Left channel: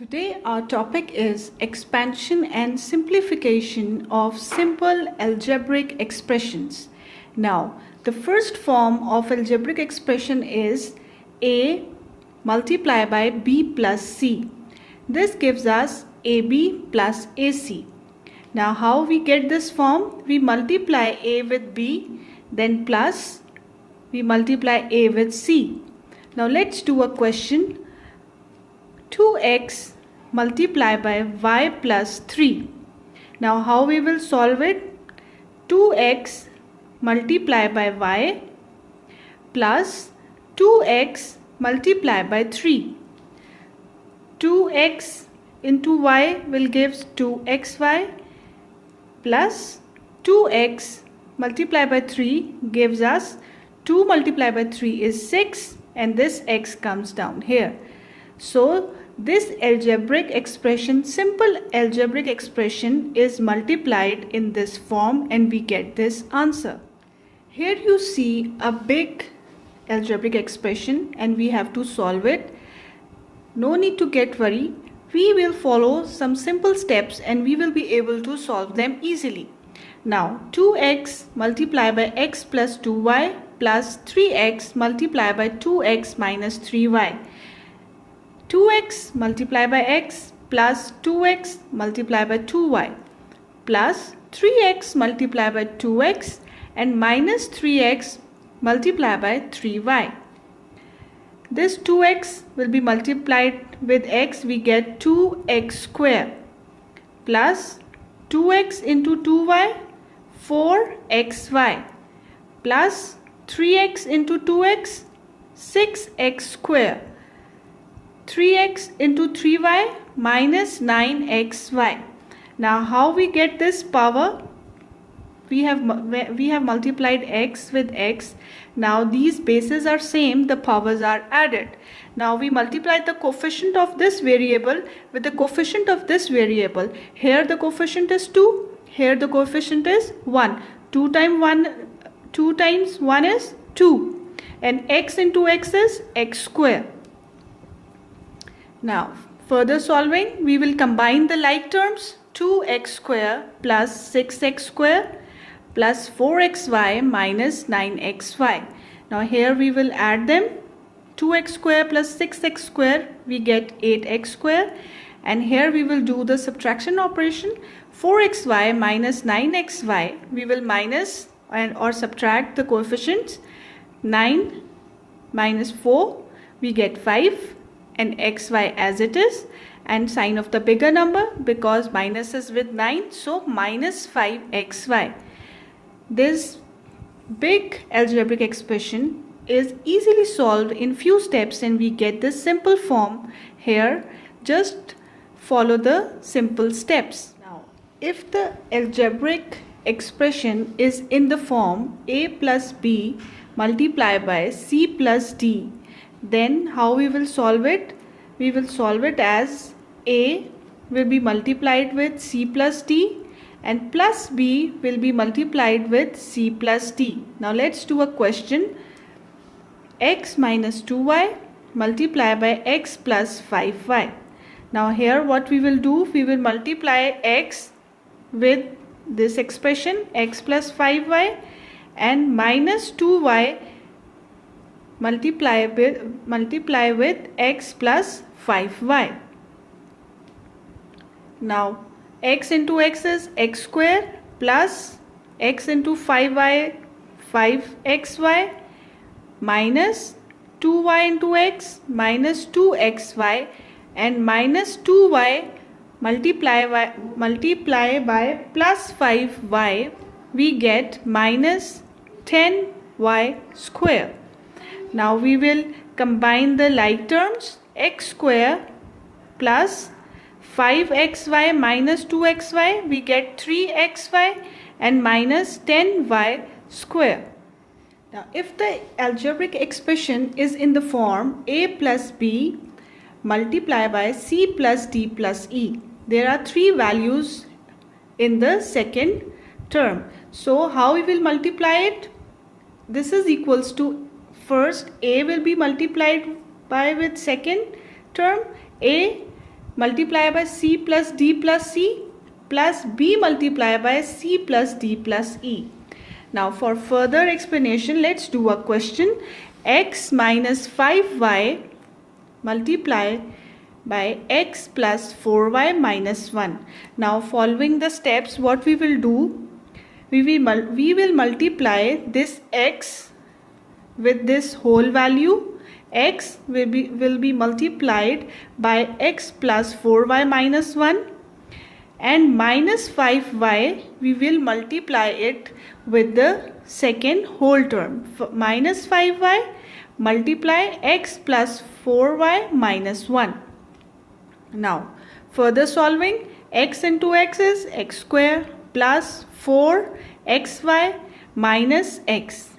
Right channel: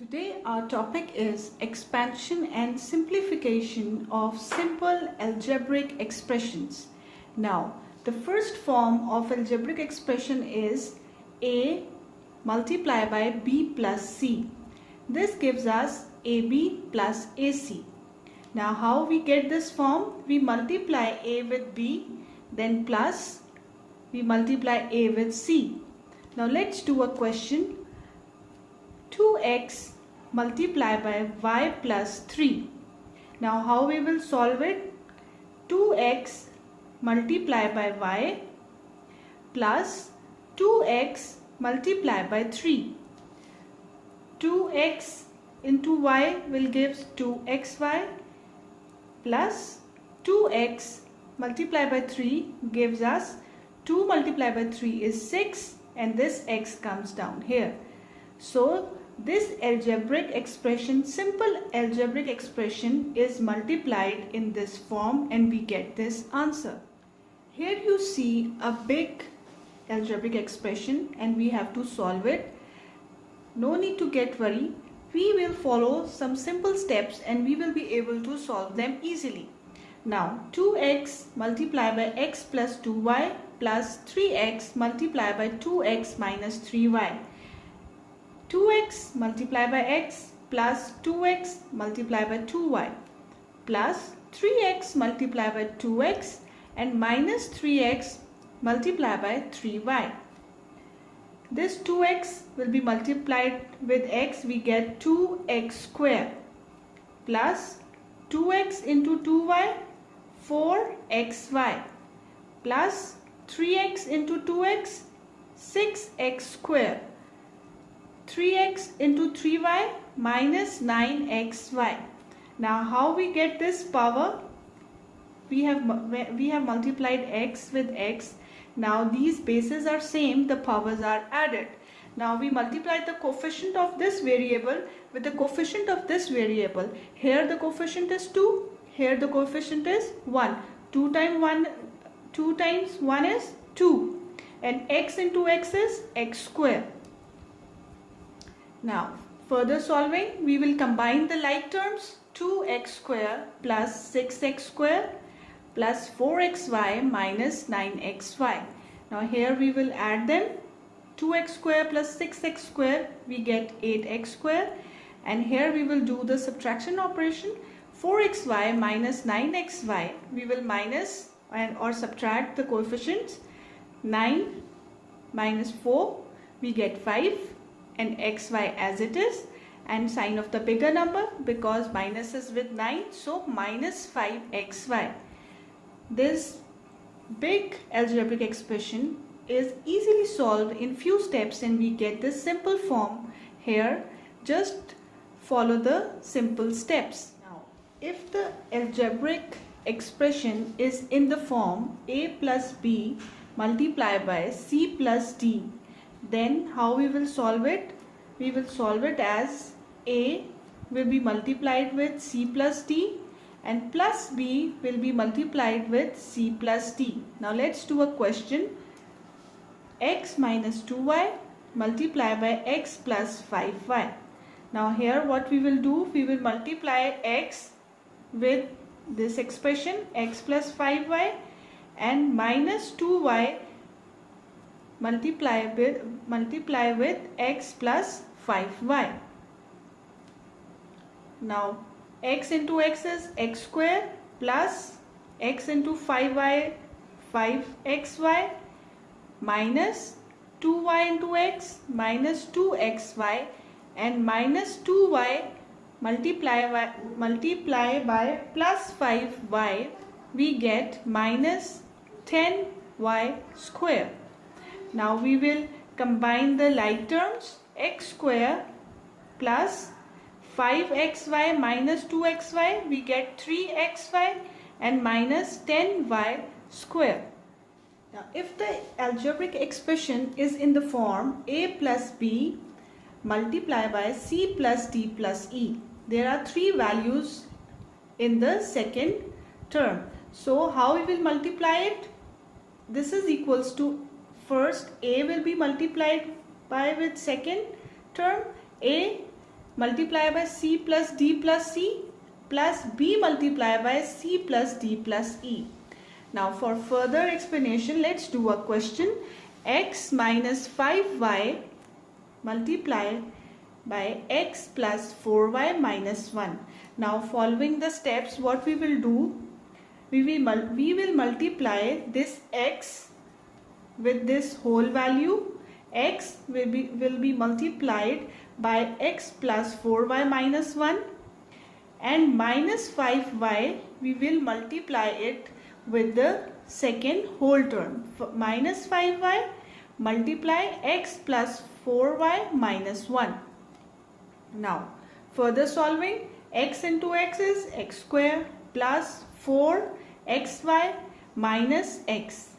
Today our topic is expansion and simplification of simple algebraic expressions. Now, the first form of algebraic expression is A multiplied by B plus C. This gives us AB plus AC. Now, how we get this form? We multiply A with B, then plus we multiply A with C. Now, let's do a question. 2x multiplied by y plus 3. Now how we will solve it? 2x multiplied by y plus 2x multiplied by 3. 2x into y will give 2xy plus 2x multiplied by 3 gives us 2 multiplied by 3 is 6, and this x comes down here. So this algebraic expression, simple algebraic expression, is multiplied in this form and we get this answer. Here you see a big algebraic expression and we have to solve it. No need to get worried. We will follow some simple steps and we will be able to solve them easily. Now 2x multiplied by x plus 2y plus 3x multiplied by 2x minus 3y. 2x multiplied by x plus 2x multiplied by 2y plus 3x multiplied by 2x and minus 3x multiplied by 3y. This 2x will be multiplied with x, we get 2x square plus 2x into 2y 4xy plus 3x into 2x 6x square. 3x into 3y minus 9xy. Now how we get this power? We have multiplied x with x. Now these bases are same, the powers are added. Now we multiply the coefficient of this variable with the coefficient of this variable. Here the coefficient is 2, here the coefficient is 1. 2 times 1 is 2, and x into x is x square. Now, further solving, we will combine the like terms. 2x square plus 6x square plus 4xy minus 9xy. Now, here we will add them. 2x square plus 6x square, we get 8x square. And here we will do the subtraction operation. 4xy minus 9xy, we will minus or subtract the coefficients. 9 minus 4, we get 5. And xy as it is, and sign of the bigger number because minus is with 9, so minus 5xy. This big algebraic expression is easily solved in few steps and we get this simple form here. Just follow the simple steps. Now, if the algebraic expression is in the form a plus b multiplied by c plus d, then how we will solve it? We will solve it as a will be multiplied with c plus d and plus b will be multiplied with c plus d. Now let's do a question. X minus 2y multiplied by x plus 5y. Now here what we will do? We will multiply x with this expression x plus 5y and minus 2y multiply with x plus 5y. Now x into x is x square plus x into 5y 5xy minus 2y into x minus 2xy and minus 2y multiply by plus 5y, we get minus 10y square. Now we will combine the like terms. X square plus 5xy minus 2xy, we get 3xy and minus 10y square. Now if the algebraic expression is in the form a plus b multiplied by c plus d plus e, there are three values in the second term. So how we will multiply it? This is equals to, first a will be multiplied by with second term, a multiply by c plus d plus c plus b multiply by c plus d plus e. Now for further explanation, let's do a question. X minus 5y multiply by x plus 4y minus 1. Now following the steps, what we will do, we will multiply this x with this whole value. X will be multiplied by x plus 4y minus 1, and minus 5y we will multiply it with the second whole term. Minus 5y multiply x plus 4y minus 1. Now further solving, x into x is x square plus 4xy minus x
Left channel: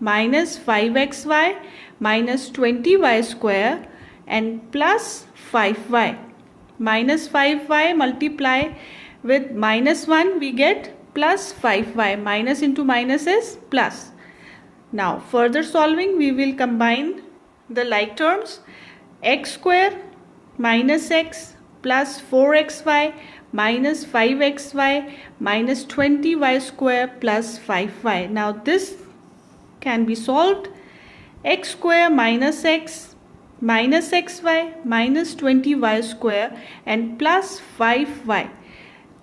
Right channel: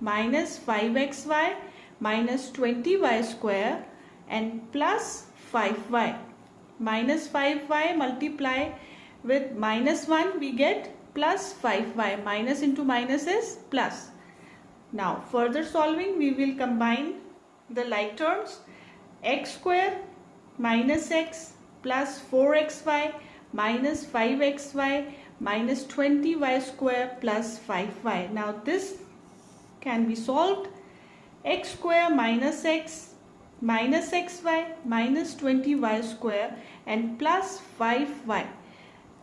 minus 5xy minus 20y square and plus 5y. Minus 5y multiply with minus 1, we get plus 5y. Minus into minus is plus. Now further solving, we will combine the like terms. X square minus x plus 4xy minus 5xy minus 20y square plus 5y. Now this can be solved. X square minus x minus xy minus 20y square and plus 5y.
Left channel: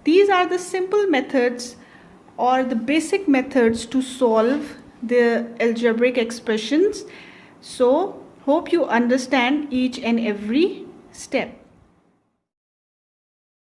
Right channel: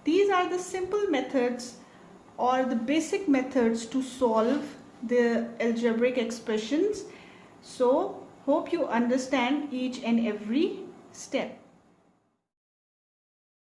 These are the simple methods or the basic methods to solve the algebraic expressions. So hope you understand each and every step.